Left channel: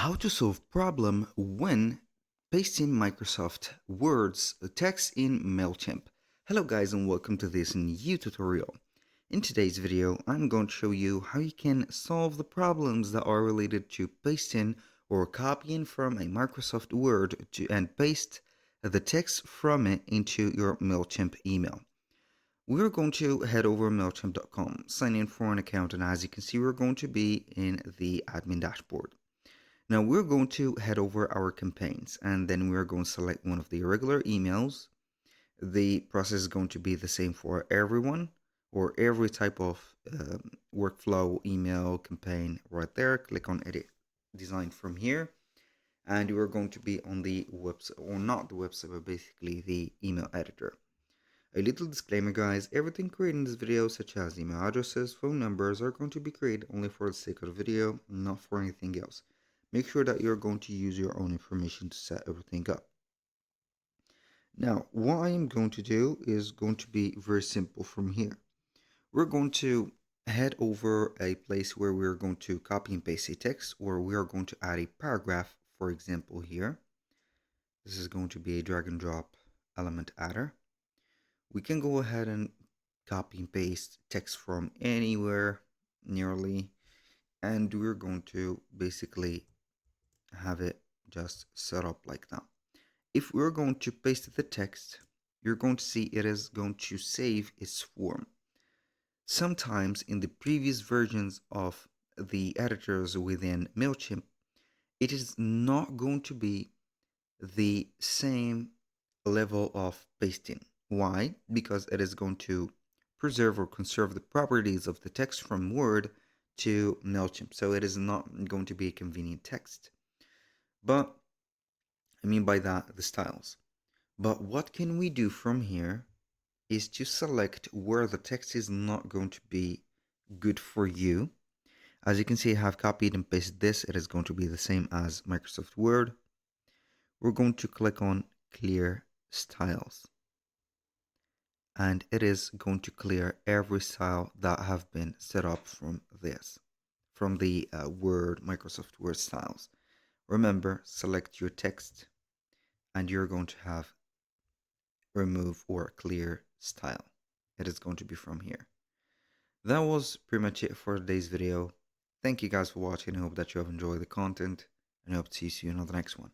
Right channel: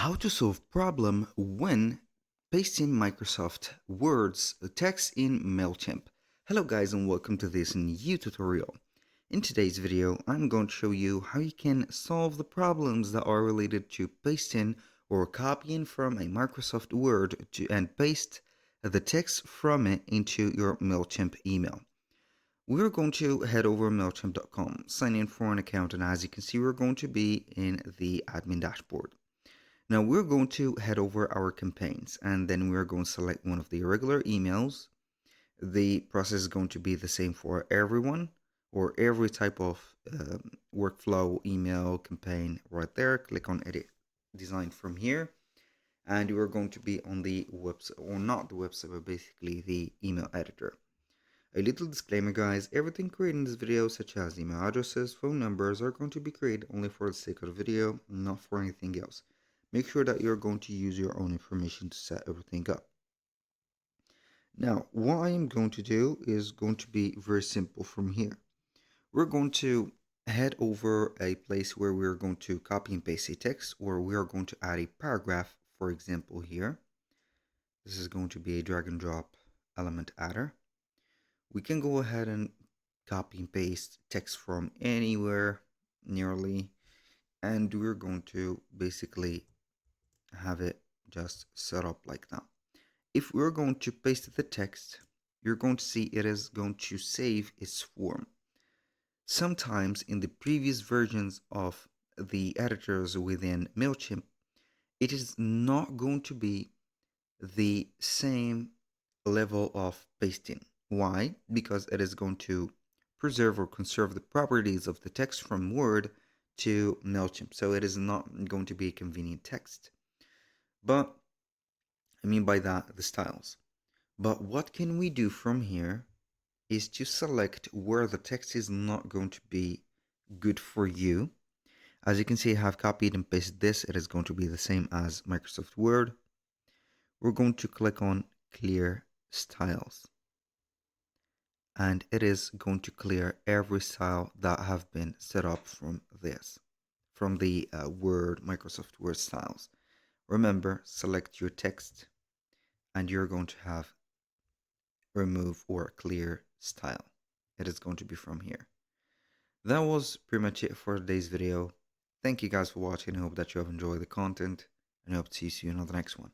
How to solve problem when pasting Microsoft Word's text in Mailchimp. Hello guys and welcome to this new tutorial. In today's video I'm going to show you how you can solve the problems that are related to pasting or copying from a Microsoft Word and paste the text from it into your Mailchimp email. We're going to head over Mailchimp.com, sign in for an account, and as you can see we're going to be in the admin dashboard. Now we're going to head over our campaigns and then we're going to select one of the regular emails. The process is going to be the same for everyone or every type of workflow email campaign right there. Click on edit design from here and we're going to be on the website, or not the website, but basically the email editor. A little disclaimer guys, everything created in this video such as email addresses, phone numbers are going to be created only for the sake of the video, not for anything else. Make sure that you're going to use your own information to set everything up. Now, what I am going to do is going to be very simple from here. We're going to head over a place where we're going to copy and paste a text, or we are going to add a paragraph, for example here. This is going to be a drag and drop element adder. We can go ahead and copy and paste text from anywhere nearly, and we're going to basically have it just set up like that. If we're going to paste the text, you're going to see it is going to save its form. Sometimes in the previous versions of the editors within Mailchimp, it is not going to be the same level of pasting. Why? Because it is going to preserve or conserve the properties of the text from Word to Mailchimp, so it is not going to be a convenient text. But I mean by that the styles. But what can we do from here is to select where the text is not going to be good for you. As you can see, I have copied and pasted this. It is going to be the same as Microsoft Word. We're going to click on clear styles, and it is going to clear every style that have been set up from the Microsoft Word styles. Remember, select your text and you're going to have remove or clear style. It is going to be from here. That was pretty much it for today's video. Thank you guys for watching. I hope that you have enjoyed the content and I hope to see you on the next one.